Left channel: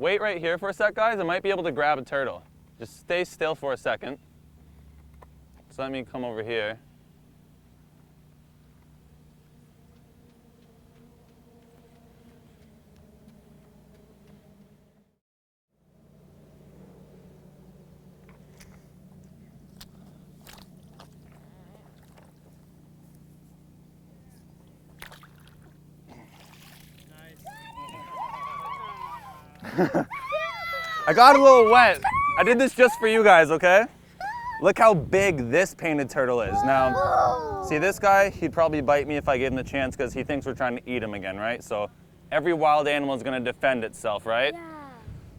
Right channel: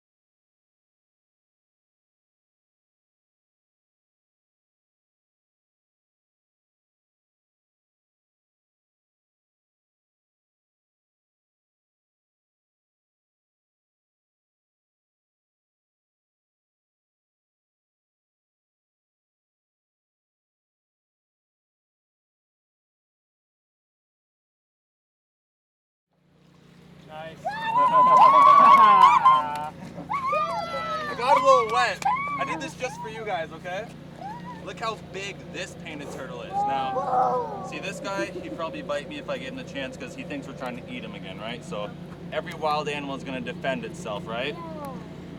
Wait right here for a sec, guys. I might be able to grab a turtle. Just stay still for a second. So let me come over here. I got a little wet. I did this just for you guys, okay? Look how big this painted turtle is. Now, see this guy? He'd probably bite me if I gave him the chance because he thinks we're trying to eat him again, right? So every wild animal is going to defend itself, right?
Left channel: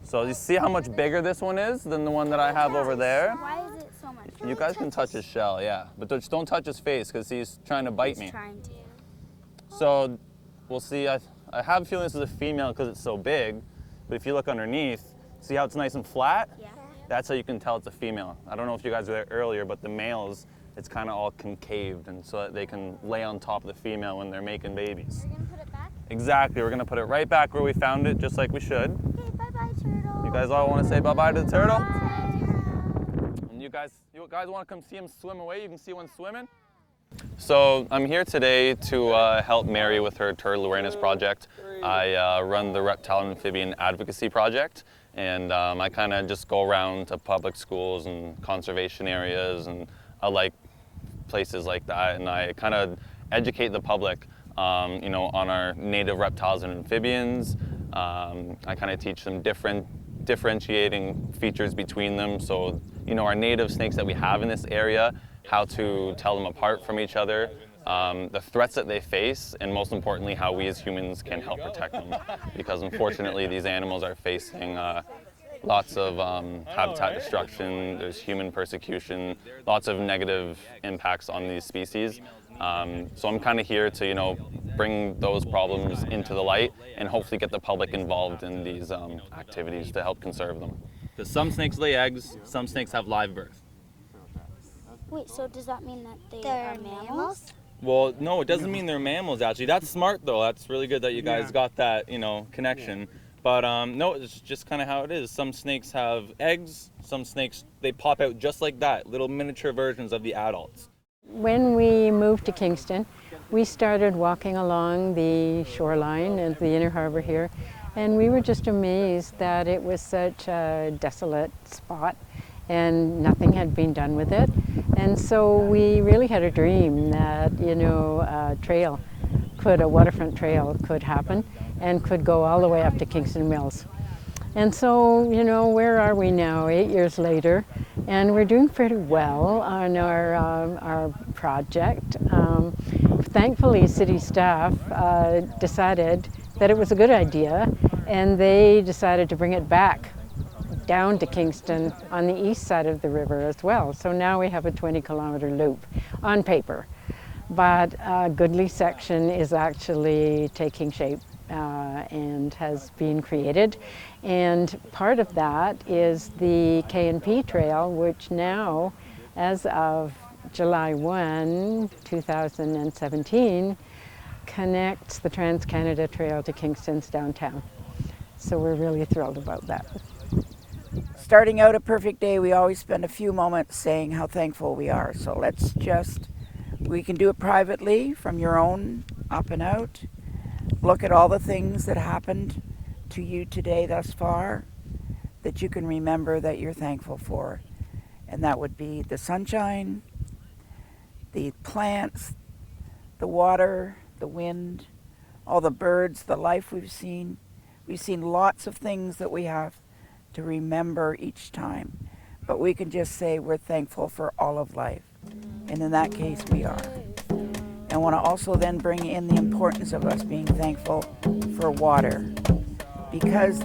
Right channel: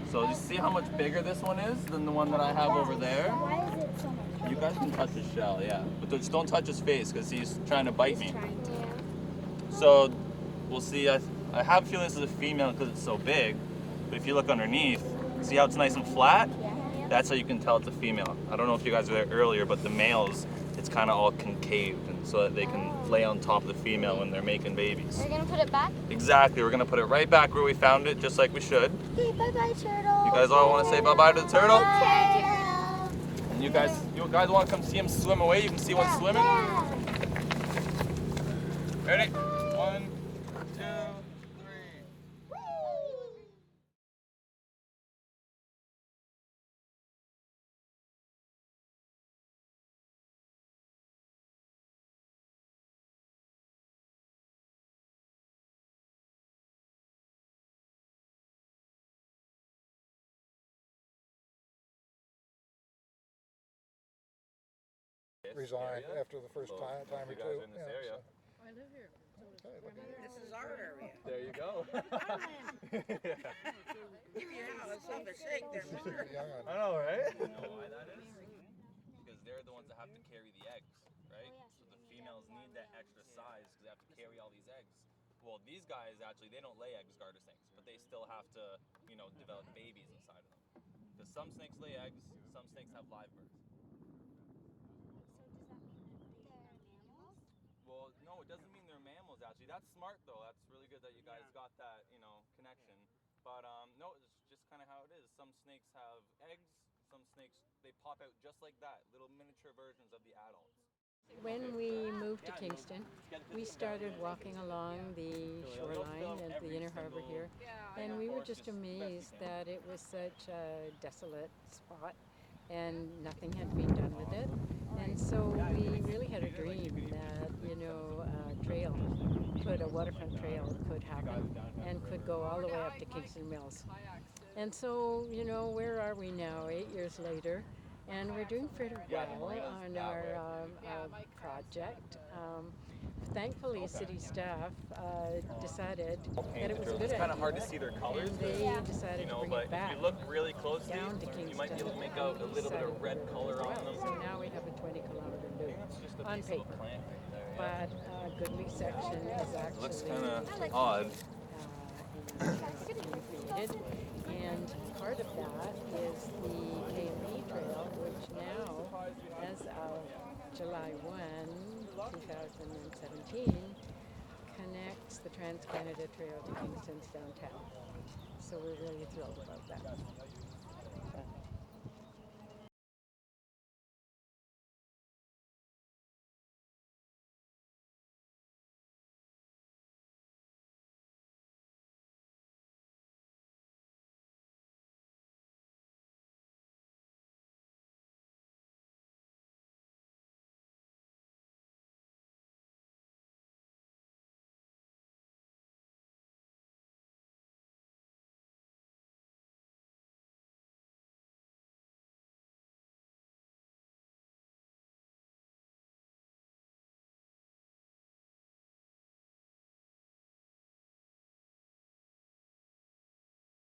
So you see how much bigger this one is than the one that I have over there? Why is it so much? You guys can touch his shell, yeah. But just don't touch his face because he's trying to bite me. So we'll see. I have a feeling this is a female because it's so big. But if you look underneath, see how it's nice and flat? Yeah. That's how you can tell it's a female. I don't know if you guys were there earlier, but the males, it's kind of all concaved, and so that they can lay on top of the female when they're making babies. We're gonna put it back? Exactly. We're gonna put it right back where we found it, just like we should. Okay, bye-bye, turtle. You guys all want to say bye-bye to the turtle? Bye. And you guys want to come see him swim away? You can see one swimming. So I'm here today to help Mary with her turtle awareness project. I run the Reptile and Amphibian Advocacy Project, and I kind of just go around to public schools and conservation areas, and I like places like that, and I kind of educate the public, you know, on our native reptiles and amphibians. I kind of teach them differentiating features between them. So, you know, our native snakes that we have in this area, how to tell them apart from each other, the threats that they face, and most importantly, how we as humans can help protect them. Because unfortunately, these animals are facing lots of habitat destruction, there's human persecution, lots of negative impacts on these species. So I'm kind of here to, you know, bring those problems into the light and hopefully get the public involved in these activities to help conserve them. Because some snakes lay eggs, some snakes have live birth. Wait, so does that mean that they're mammals? Well, no, it doesn't mean they're mammals, actually. That's smart, though. That's really good that you guys got that, you know, connection. But no, it's just kind of how it is. Some snakes have eggs. Some snakes, they pop out just like that, little miniature versions of the adults. When we moved to Kingston, we started walking along the shoreline of the inner harbor here, and we were just amazed that it was such a desolate spot and nothing had been done with it. And so we really had a dream that, you know, a waterfront trail could happen and could go all the way up to Kingston Mills. And so, you know, where are we now, 8 years later? And we're doing pretty well on our project. Thankfully, city staff decided that it was a good idea, and they decided to bring it back down to Kingston on the east side of the river as well. So now we have a 20-kilometer loop on paper. But a goodly section is actually taking shape and has been created. And part of that is the K&P Trail, which now, as of July 1, 2017, connects the Trans-Canada Trail to Kingston's downtown. So we're really thrilled about that. Starting out a perfect day, we always spend a few moments saying how thankful we are. So let's we can do it privately from your own up and out. Look at all the things that happened to you today thus far that you can remember that you're thankful for. And that would be the sunshine, the plants, the water, the wind, all the birds, the life we've seen. We've seen lots of things that we have to remember each time. But we can just say we're thankful for all of life. And in that case, we are. I want to also then bring in the importance of us being thankful for water. Because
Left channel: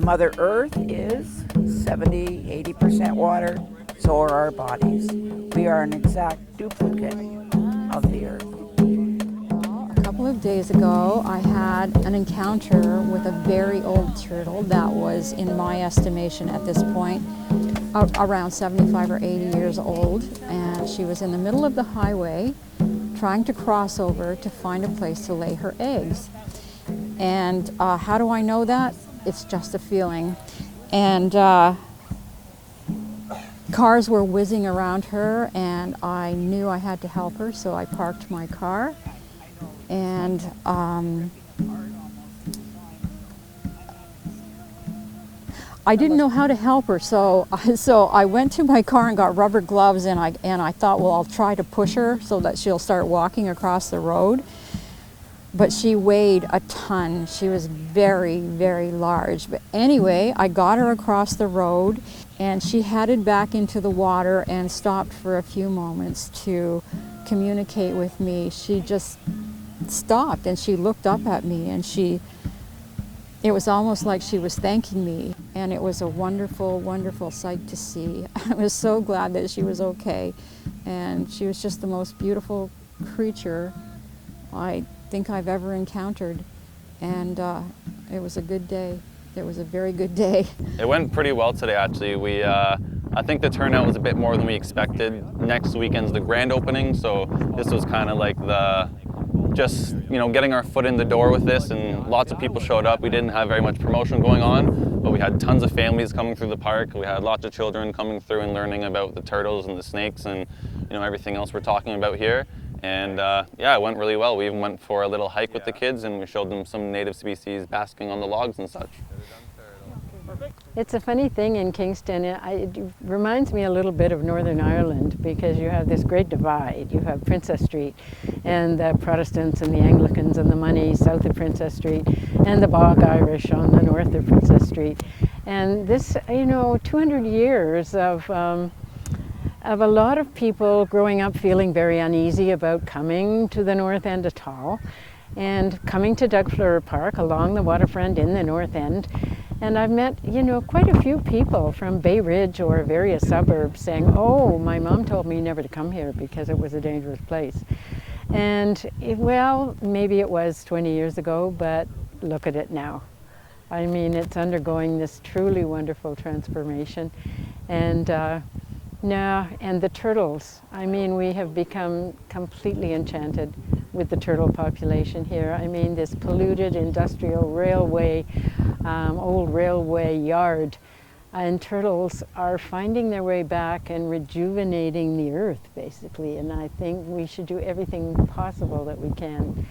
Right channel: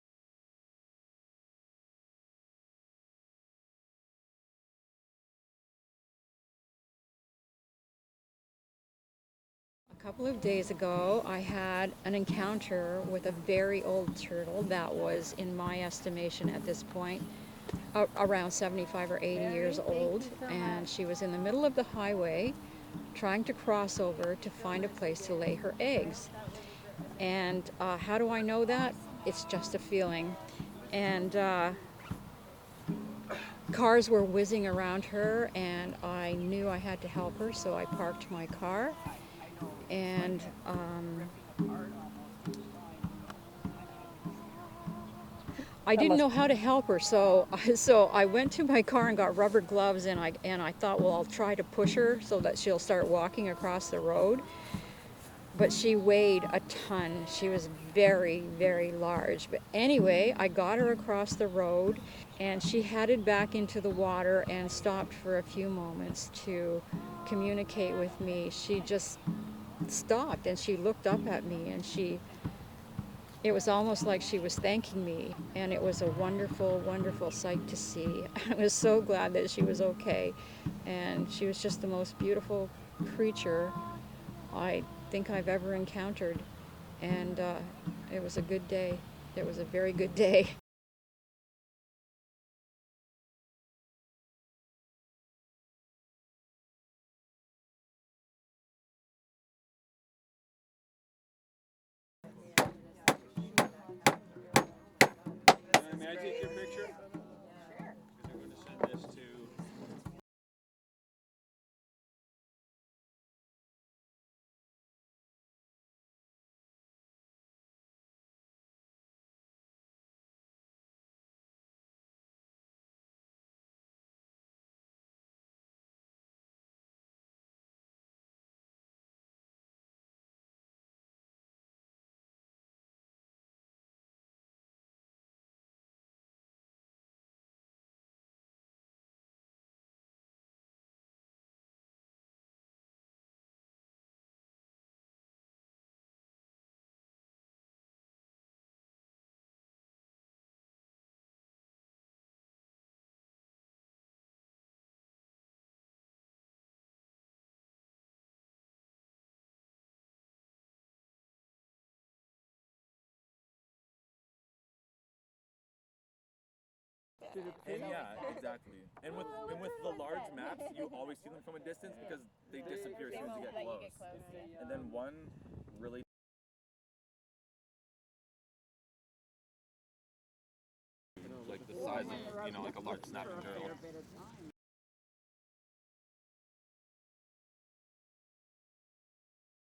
Mother Earth is 70–80% water, so are our bodies. We are an exact duplicate of the Earth. A couple of days ago, I had an encounter with a very old turtle that was, in my estimation at this point, around 75 or 80 years old, and she was in the middle of the highway trying to cross over to find a place to lay her eggs. And how do I know that? it's just a feeling. And cars were whizzing around her, and I knew I had to help her, so I parked my car. And I didn't know how to help her, so I went to my car and got rubber gloves, and I thought, well, I'll try to push her so that she'll start walking across the road. But she weighed a ton. She was very, very large. But anyway, I got her across the road, and she headed back into the water and stopped for a few moments to communicate with me. She just stopped, and she looked up at me, and it was almost like she was thanking me, and it was a wonderful, wonderful sight to see. I was so glad that she was okay, and she was just the most beautiful creature I think I've ever encountered, and it was a good day. It was a very good day. It went pretty well today, actually. I think the turnout was a bit more than we expected. Next weekend's the grand opening, so this was kind of like just getting our foot in the door with this, and lots of people showed up. We didn't have very much promotion going on, but we had tons of families coming through the park. We had lots of children coming through and learning about the turtles and the snakes and everything else we're talking about here. And yeah, it went really well. We even went for a little hike with the kids, and we showed them some native species basking on the logs and such. It's a funny thing in Kingston. It reminds me a little bit of Northern Ireland, because you have this great divide. You have Princess Street and the Protestants and the Anglicans and the money south of Princess Street, and the Bog Irish on the north of Princess Street. And this, 200 years of a lot of people growing up feeling very uneasy about coming to the north end at all, and coming to Douglas Fluhrer Park along the waterfront in the north end. And I've met, quite a few people from Bay Ridge or various suburbs saying, oh, my mom told me never to come here because it was a dangerous place. And well, maybe it was 20 years ago, but look at it now. I mean, it's undergoing this truly wonderful transformation. And and the turtles. I mean, we have become completely enchanted with the turtle population here. I mean, this polluted industrial railway, old railway yard, and turtles are finding their way back and rejuvenating the earth, basically. And I think we should do everything possible that we can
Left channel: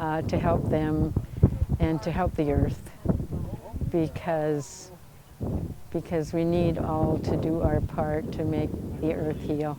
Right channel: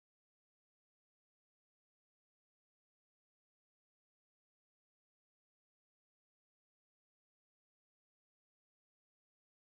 to help them and to help the earth, because we need all to do our part to make the earth heal.